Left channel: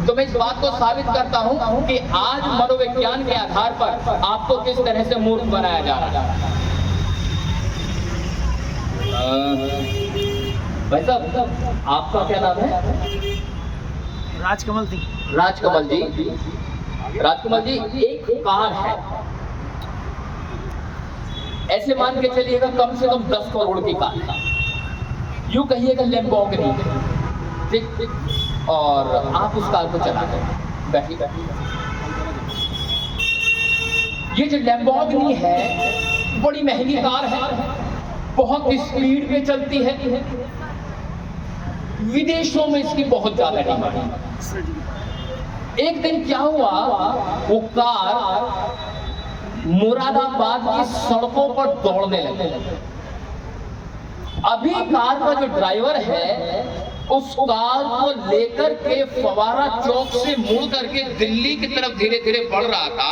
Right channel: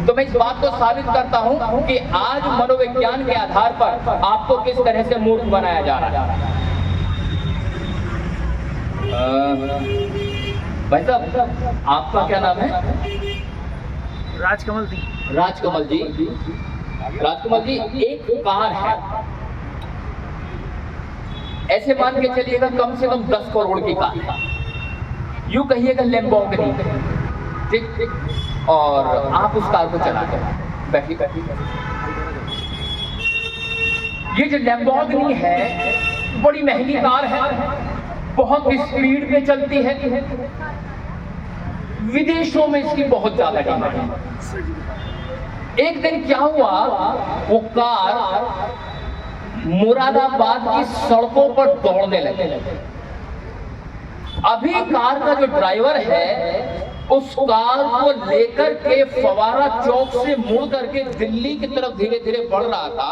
तो मैं इस बात को साबित करता हूं कि आज मनोविज्ञान के आधार पर आपको किस तरह से मूर्ख बनाया जा रहा है। भाई साहब, आपका क्या नाम है? राजकमल सिंह। राजकमल जी, राजकमल जी, एक कार है, ऐसे मान के चलिएगा कम से कम 10 करोड़ की कार है, यूं कहिएगा लैम्बोर्गिनी, ठीक, और आप उस कार को चला रहे बैठी बैठी। ये जो लैम्बोर्गिनी है बड़ी महंगी कार है, बहुत स्पीड में चलती है, विदेशों में इसकी बहुत ज्यादा डिमांड है। एक दिन क्या हुआ, वो कार मुरादाबाद की सड़कों पर दौड़ने लगे। अभी कार का जो ड्राइवर है उस कार को लेकर के फवारा चौक से मुड़ करके दिल्ली की तरफ धीरे धीरे बढ़ रहा था,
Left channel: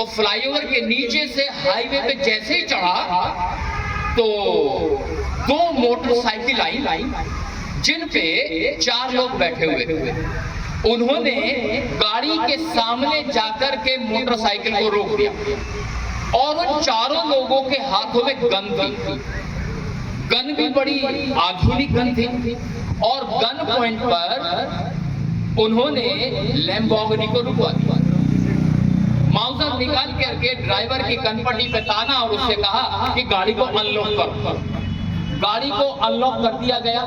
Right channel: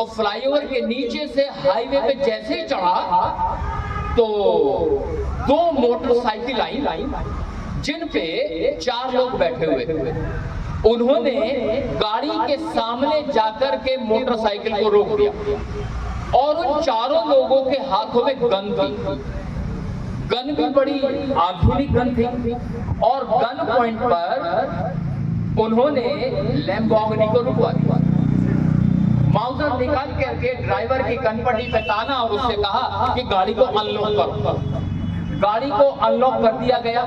और फ्लाईओवर के नीचे से हाईवे पे जैसे ही चढ़ा तो 2 मोटरसाइकिल आई जिन पे 4 लोग बैठे हुए थे। उन्होंने गाड़ी के सामने जाकर के मोटरसाइकिल को रोक दिया और उन चारों लोगों के हाथों में गन थी। गन भी बड़ी आधुनिक गन थी, और गन पॉइंट पर उन्होंने लैम्बोर्गिनी को रुकवा दिया। माउजर निकाल करके ड्राइवर की कनपट्टी पे ताना और उससे कहा कि गाड़ी को अनलॉक करो। गाड़ी को अनलॉक कर दिया गया।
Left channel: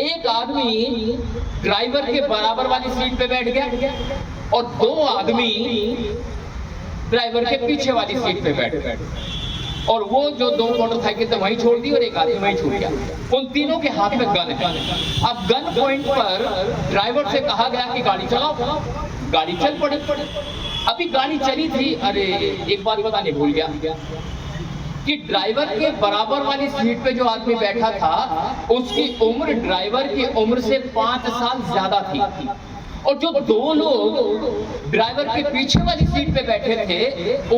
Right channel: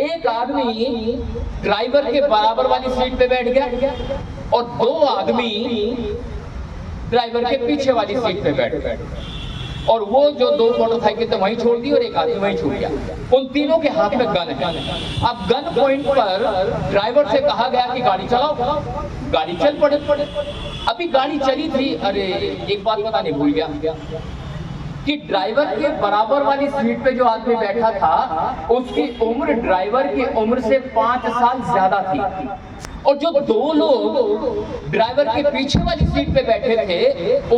एक आदमी ड्राइवर के बराबर वाली सीट पे बैठ गया और 2 आदमी ड्राइवर के पीछे वाली सीट पे बैठ गए, और वो जो 2 मोटरसाइकिल थे वहीं छोड़ दी और एक आदमी वहीं छूट गया। उन तीनों के हाथ में गन है। अब गन पॉइंट पर ड्राइवर से कहा गया कि गाड़ी चलाओ। गाड़ी चल पड़ी। अभी गाड़ी चली थी, अरे एक बात बताने भूल गया कि ड्राइवर के बराबर वाली सीट पे जो आदमी बैठा था उसकी उम्र ड्राइवर की उम्र से 5 साल ज्यादा थी, और जो 2 लोग ड्राइवर के पीछे वाली सीट पे बैठे थे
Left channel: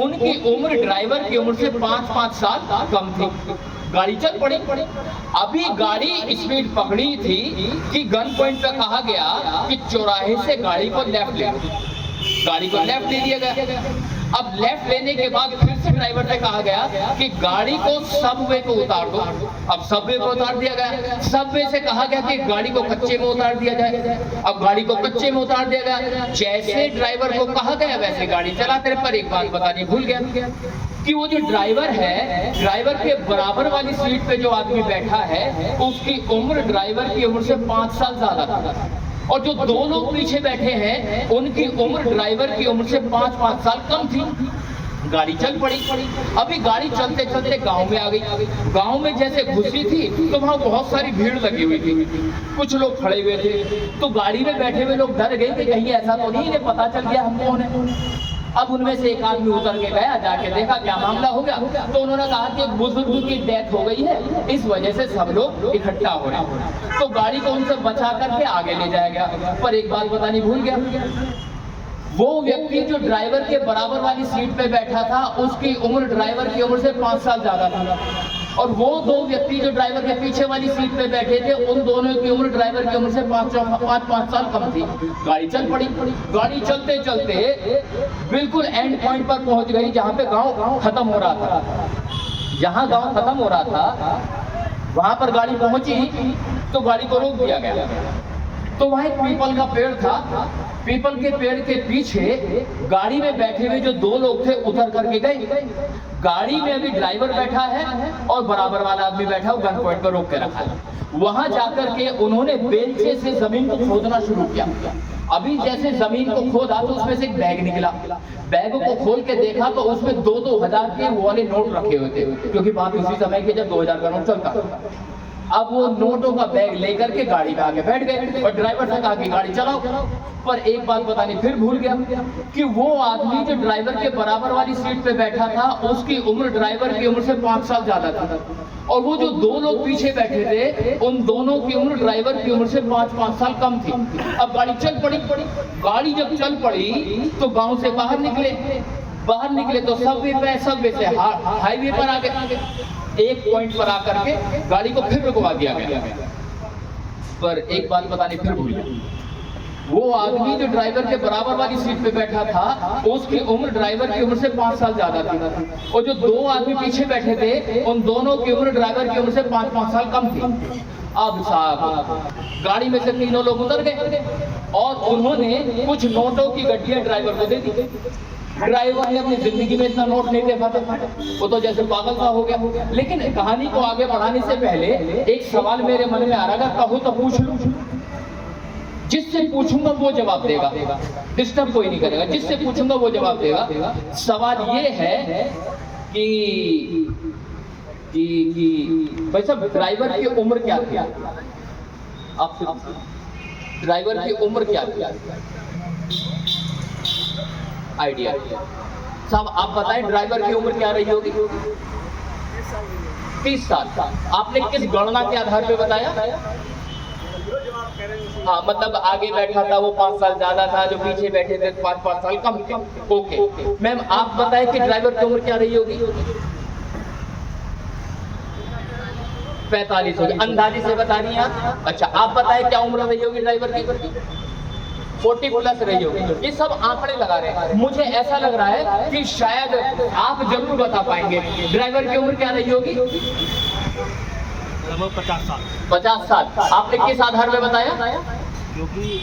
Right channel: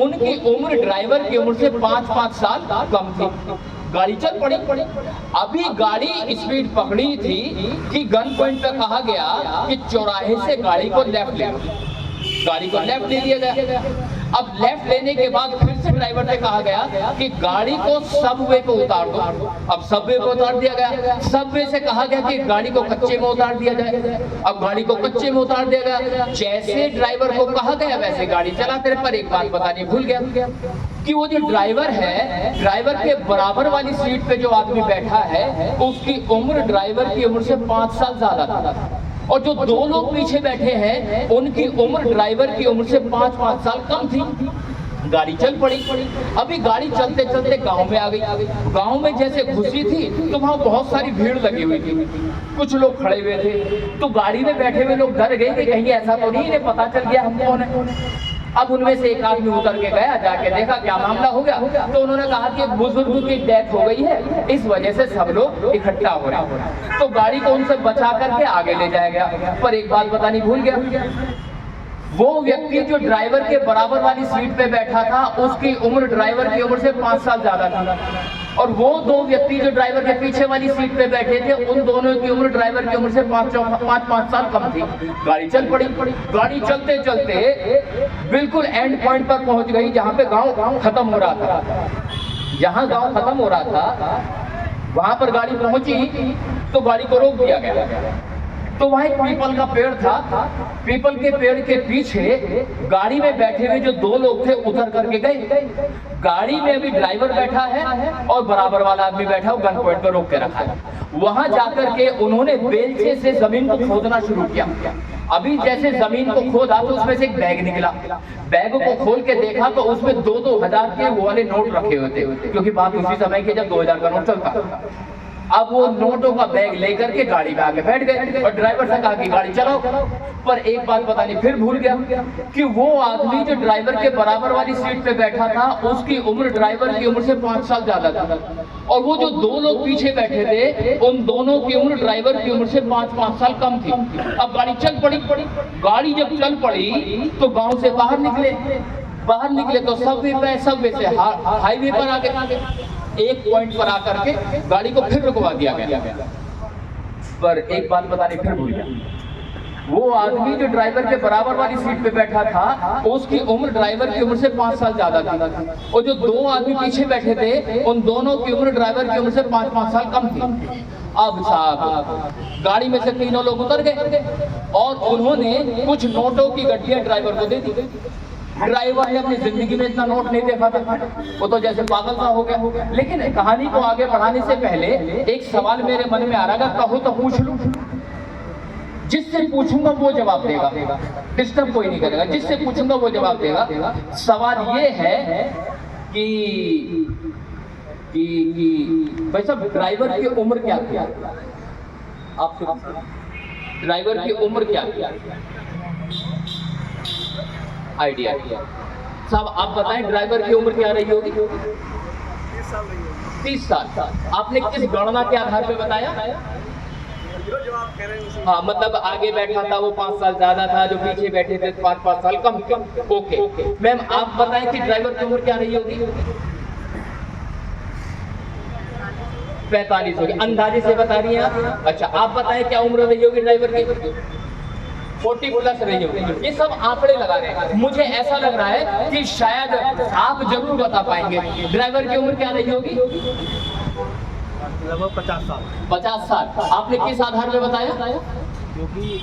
उनकी उम्र ड्राइवर की उम्र से 5-5 साल कम थी। गाड़ी चल पड़ी। अभी गाड़ी स्पीड पकड़ी थी कि गन पॉइंट पे कहा गया कि चौराहे से गाड़ी को लेफ्ट ले लो। गाड़ी को लेफ्ट ले लिया गया। अब लेफ्ट लेने के बाद फिर से ड्राइवर से कहा गया कि गाड़ी को सबवे पे उतार दो। अब सबवे पे उतार दिया गया। सबवे से कहा गया कि गाड़ी को कच्चे में उतार दिया जाए। अब गाड़ी को कच्चे में उतार दिया गया। जैसे ड्राइवर को कहा गया वैसे गाड़ी चलाते रहे। पर एक बात बतानी भूल गया कि वो जो ड्राइवर है, ड्राइवर के बराबर वाली सीट पे जो आदमी बैठा है उसकी उम्र ड्राइवर की उम्र से 5 साल ज्यादा था, और जो 2 लोग पीछे बैठे हैं उनकी उम्र ड्राइवर की उम्र से 5-5 साल कम थी। गाड़ी चल पड़ी। अभी गाड़ी चलते चलते गांव में आ गई। गांव में जैसे घुसी थी तो वहां बहुत सारी भीड़ लगी हुई थी, कुछ लोग खड़े हुए थे। तो गाड़ी में बैठे हुए लोग डर गए कि कहीं ऐसा तो नहीं इन्हें पता चल गया हम कौन है। अब उनमें से एक आदमी उतर के गया, जाके देखा क्या मामला हो गया। तो उन्होंने कहा कि एक बुजुर्ग की डेथ हो गई है, इस वजह से सब लोग इकट्ठा हो रहे हैं। तो गाड़ी को उनसे बचा करके आगे ले जाया गया। पर एक बात बतानी भूल गया, वो व्यक्ति जो ड्राइवर के बराबर वाली सीट पे बैठा था उसकी उम्र ड्राइवर की उम्र से 5 साल ज्यादा थी, और वो 2 व्यक्ति जो ड्राइवर के पीछे वाली सीट पे बैठे थे उन दोनों की उम्र ड्राइवर की उम्र से 5 साल कम थी। गाड़ी चल पड़ी। गाड़ी चलते चलते बिल्कुल एंड पॉइंट पर पहुंच गई जहां पे गांव खत्म हो रहा था। जहां गांव खत्म हो रहा था वहां पर गाड़ी पहुंची तो गाड़ी को रोक दिया गया। तो वहां एक पीपल का पेड़ था। पीपल के पेड़ के पीछे गाड़ी में बैठे हुए जो 2 लोग थे उतर करके गए। गाड़ी में अभी ड्राइवर बैठा है और बराबर वाला आदमी बैठा है, गन पॉइंट पर रोक के रखा है। वहां जाकर के उन्होंने बेलचे से जमीन को खोदना शुरू किया। अभी जैसे जमीन को खोदा तो उसमें से एक बैग निकला। बैग को खोल के देखा तो उसमें 2-2 हजार के वो वाले नोट रखे हुए थे, क्योंकि बात उसी समय की जब 2000 का नोट चलता। अब वो नोटों का बैग लेकर के गाड़ी में आके बैठ गए और ड्राइवर से कहा कि गाड़ी चलाओ। पर एक बात बतानी फिर भूल गया कि वो आदमी जो ड्राइवर के बराबर वाली सीट पे बैठा था उसकी उम्र ड्राइवर की उम्र से 5 साल ज्यादा था, और वो जो 2 लोग पीछे बैठे थे उन दोनों की उम्र ड्राइवर की उम्र से 5-5 साल कम थी। अब गाड़ी चल पड़ी। गाड़ी जब चल पड़ी तो गांव से बाहर निकले तो सबवे से हाईवे पर आ गए। एक पॉइंट पर आकर के गाड़ी को फिर रुकवा दिया गया। पर एक बात बताने फिर भूल गया, वो आदमी जो ड्राइवर के बराबर वाली सीट पे बैठा था, उसकी उम्र ड्राइवर की उम्र से 5 साल ज्यादा थी, और जो 2 आदमी पीछे बैठे थे उन दोनों की उम्र ड्राइवर की उम्र से 5-5 साल कम थी। अब साहब गाड़ी में से तीनों लोग उतर गए और उन्होंने कुछ नोटों की गड्डियां ड्राइवर को दे दी। ड्राइवर ने अपनी जिंदगी में इतना नोट नहीं देखा था, वो तो जैसे पागल सा हो गया। लेकिन कहानी को आगे बढ़ाने से पहले एक सवाल मेरे मन में आ रहा था, कहो तो पूछ लूं। जिससे पूछूंगा वो जवाब देगा, डिस्टर्ब कोई नहीं करेगा, जिससे पूछूंगा वो जवाब देगा। सवाल ये है कि भाई साहब ड्राइवर की उम्र क्या थी? आपसे ड्राइवर की उम्र क्या थी? आइडिया साहब आप बताएं, ड्राइवर की उम्र क्या रही होगी? 30 साल। आपने किस गणना के आधार पे बताया? हाँ, मतलब आगे बैठा था वो 5 साल ज्यादा था, जो पीछे बैठे थे 5-5 साल कम। ओके मैम, आप बताएं कि ड्राइवर की उम्र क्या रही होगी? 45 होगी, अंदाजे से बता रही हैं आप। अच्छा, आप बताएं क्या उम्र रही होगी ड्राइवर की? 40+ रही होगी। ये सब आंकड़े लगा रहे हैं। मुझे ऐसा लग रहा है कि शायद आप जरूर बता पाएंगे ड्राइवर की उम्र क्या रही होगी? 50 साल। 50 साल। आपने किस आधार में बताया? क्योंकि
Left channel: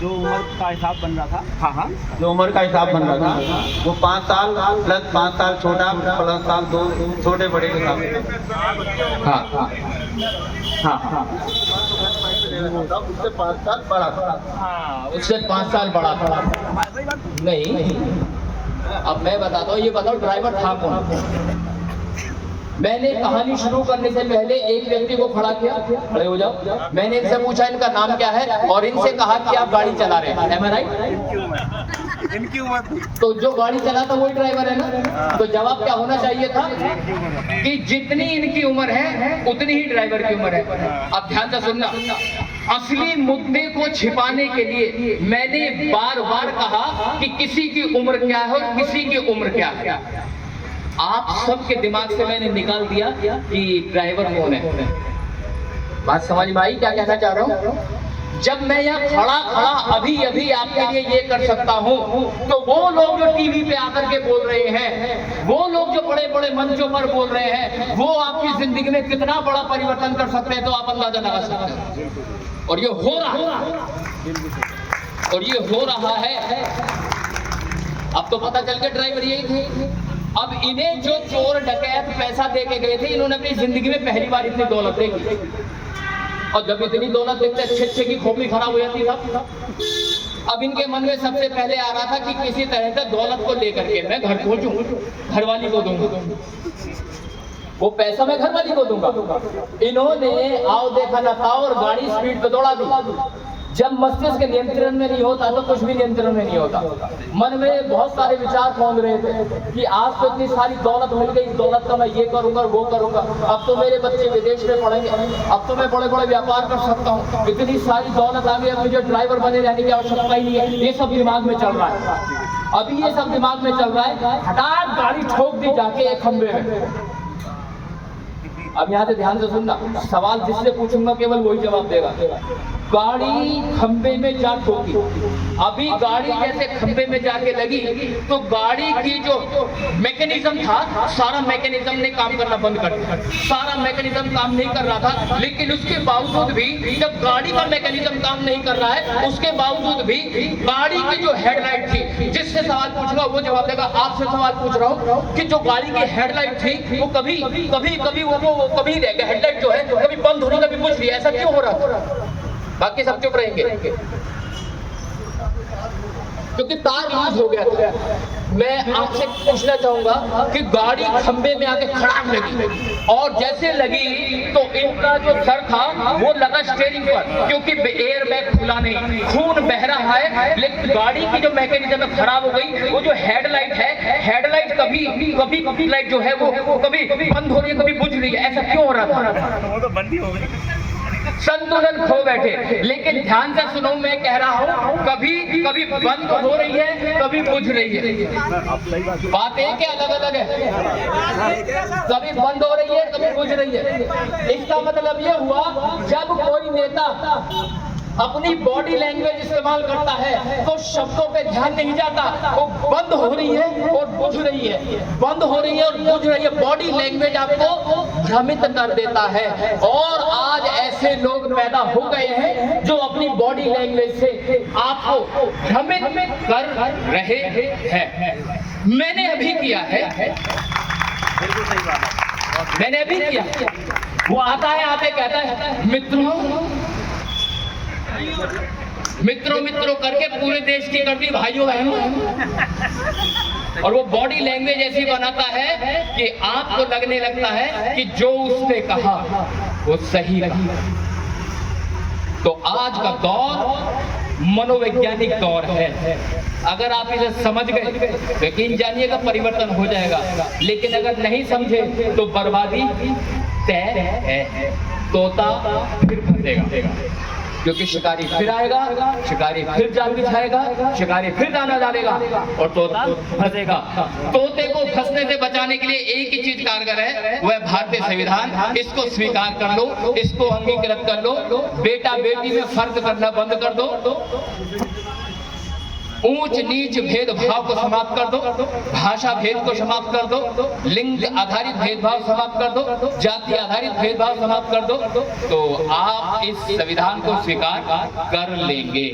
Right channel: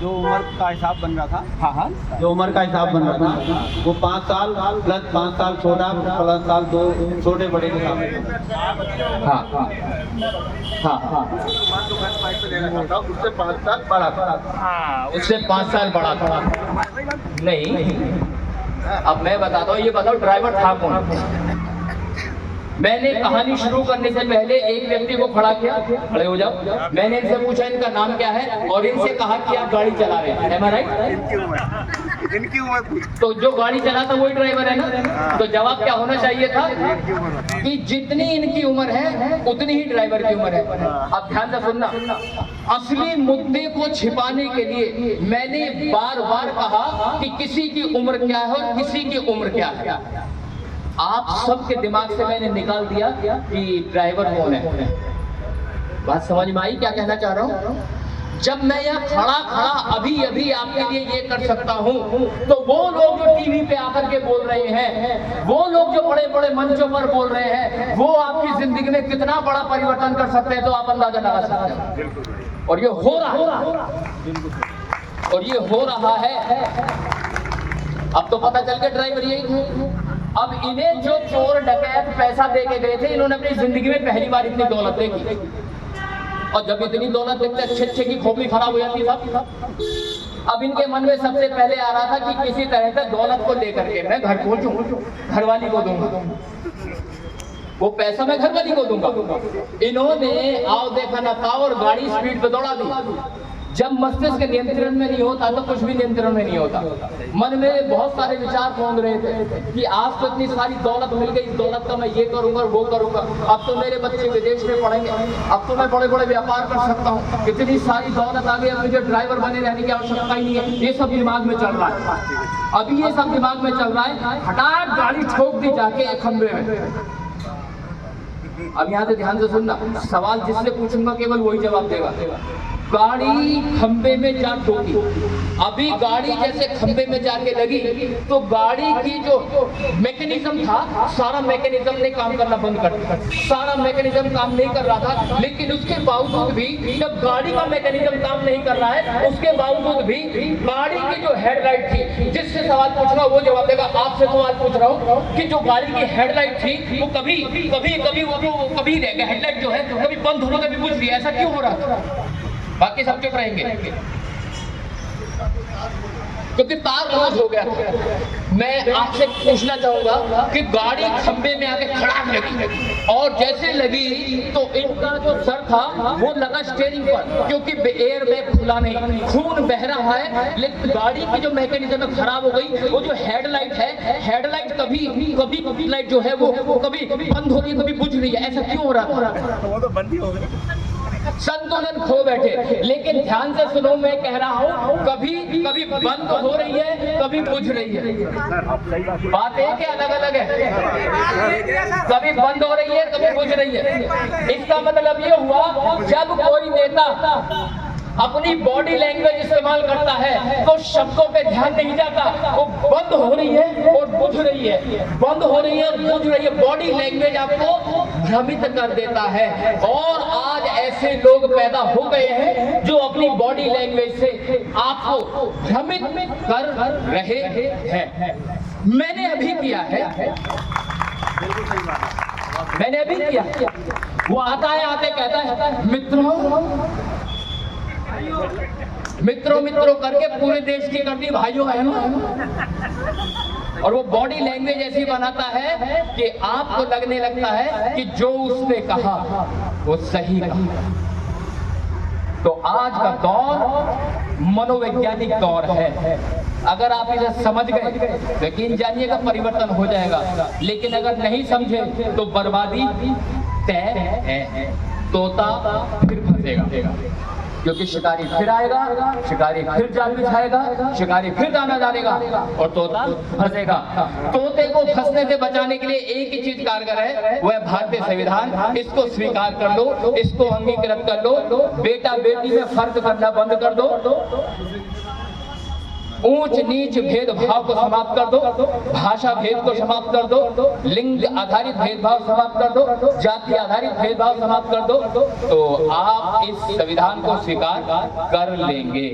जो उम्र का हिसाब बन रहा था, हाँ, जो उम्र का हिसाब बन रहा था वो 5 साल प्लस 5 साल छोटा प्लस साल 2 छोटे बड़े के साथ। हाँ, उससे 5 साल बड़ा था। हाँ, उससे 5 साल बड़ा था। नहीं, अब मैं बताता हूँ, ये बताओ ड्राइवर था कौन? मैंने कहानी शुरू करने से पहले एक व्यक्ति को खड़ा किया, खड़े हो जाओ। मैंने इनसे पूछा इनका नाम क्या है और इनसे कहा कि आप गाड़ी चला रहे हैं, am I right? इनकी उम्र तो जो गाड़ी चला था वही ड्राइवर है ना? तो जवाब क्या होना चाहिए था कि जितनी इनकी उम्र है उतनी ही ड्राइवर की उम्र है। अब ध्यान से सुनना, असली मुद्दे को छिपाने के लिए मैंने बार बार कहा कि किसी की उम्र क्या है और किसी की उम्र क्या है। आप सबके दिमाग से मैंने निकाल दिया कि ड्राइवर कौन है। बात समझ में आई क्या कहना चाह रहा हूँ? जब मैं यहाँ खड़ा अभी आपके लिए ये कर सकता हूँ, तो वो लोग जो टीवी पे आकर के बोल रहे हैं, वो लोग जो बड़े बड़े मंचों पर बोल रहे हैं, वो आपकी जिंदगी में कितना बड़ा परिवर्तन कर सकते हैं तो आप अंदाजा लगा सकते हैं। और ये हो रहा है। अब तो पता चल गया ड्राइवर यही थे। अब इन्हें जो चोर डकैत पैसा दे के गए थे, इन्होंने अपनी जिंदगी में पहली बार इतनी दौलत देखी। और जब इतनी दौलत देखते अच्छे की खोपड़ी खराब हो जाती था। अब इनके मन में सबसे पहले आ रहा था कि किसी तरह से दौलत को लेकर के मैं घर पहुंचूं, घरवाली को दूंगा, वो पैसा मैं घरवाली को दूंगा। इन्होंने आओ देखा न था और गाड़ी स्पीड पे दौड़ा दी। जब मस्तिष्क नियंत्रण में नहीं होता तो कुछ भी नियंत्रण में नहीं होता। मन में बहुत सारे विचार घूम रहे थे कि आज तो इतनी सारी दौलत मिल गई, इस दौलत का मैं ये करूंगा वो करूंगा, अब तो मेरे बच्चे विदेश में पढ़ेंगे, अब तो मैं बड़े बड़े व्यापार कर सकता हूँ, इतनी सारी दौलत आ गई, अब मुझे ड्राइवर बने रहने की आवश्यकता ही नहीं है। ये सब दिमाग में चल रहा है। अभी ये सब दिमाग में चल रहा है, हठात गाड़ी ठोक दी जाके एक खंबे में। अब यहाँ से ध्यान से सुनना, सवाल जिससे पूछूंगा केवल वही जवाब देगा। गाड़ी खंबे में जा ठोकी। अभी गाड़ी जैसे खंबे में जाके लगी तो गाड़ी की जो मैकेनिज्म था, सारा मैकेनिज्म ने काम करना बंद कर दिया। सारा मैकेनिज्म काम नहीं कर रहा था, लेकिन उसके बावजूद भी जब गाड़ी का मैकेनिज्म काम नहीं कर रहा है, उसके बावजूद भी गाड़ी की जो हेडलाइट थी, जिससे सवाल पूछूंगा वो जवाब देगा। आपसे सवाल पूछ रहा हूँ कि जो गाड़ी की हेडलाइट थी वो कभी हेडलाइट जो है कभी बंद हो रही, कभी बुझ रही, ऐसा क्यों हो रहा है? बाकी सब चुप रहेंगे क्योंकि तार लूज हो गया था। मैं आपसे पूछना चाहूंगा कि गाड़ी खंबे में आके खड़ाक लगी और जैसे लगी तो इनका जो सर था वो लगा स्टीयरिंग पर, क्योंकि एयर बैग खुला नहीं, खून बह रहा है। लेकिन गाड़ी की जो मैकेनिज्म खराब हो गई। वो जो हेडलाइट है, हेडलाइट कभी लाइट जो है वो कभी बंद हो रही है, कभी बुझ रही है। ऐसा क्यों हो रहा था? वो तो बंद ही हो गई, संतुलन खो बैठे। लेकिन ध्यान से सुनो, मैं कह रहा हूँ कभी बंद हो रही है, कभी बुझ रही है। बात एक क्या अलग अलग है? कभी बंद हो रही है, कभी बुझ रही है। इसका मतलब ये हुआ जब कोई नेता अपनी बॉडी लैंग्वेज इस्तेमाल करता है तो शब्दों पे ध्यान नहीं जाता, वो बंद हो रही है और बुझ रही है, बंद हो रही है और बुझ रही है। बॉडी लैंग्वेज आपको भ्रमित कर देता है। और आज ऐसे लोग पैदा हो गए हैं जो अपनी बॉडी लैंग्वेज से आपको भ्रमित कर रहे हैं। मैंने अभी किया है, बिल्कुल सही बात है। मैंने अभी किया। वो आता है, आते कहता है मित्रों मित्रों करके पूरे देश की कर दी भाइयों बहनों। और वो बॉडी लैंग्वेज ऐसी बनाता है कि आपको लगने लगता है कि जो उसने कहा वो सही कहा। तो आज का दौर मनोवैज्ञानिक दौर है। अगर आप इसे समझ गए यकीन जानिएगा परिवर्तन हो जाएगा, लेकिन अगर नहीं समझे तो बर्बादी तय है। तोता फिर फंसेगा, क्योंकि शिकारी फिर आएगा, शिकारी फिर जाल बिछाएगा, शिकारी फिर दाना डालेगा और तोता फंसेगा। तोते को फंसने से बचाने के लिए एक ही चीज कारगर है, वह भारतीय संविधान। इसको स्वीकार कर लो, इसको अंगीकृत कर लो। बेटा बेटी में फर्क करना बंद कर दो, ऊंच नीच भेदभाव को समाप्त कर दो, भाषा भेद को समाप्त कर दो, लिंग आधारित भेदभाव समाप्त कर दो, जाति आधारित भेदभाव समाप्त कर दो, तो आप इस संविधान को स्वीकार कर लेंगे।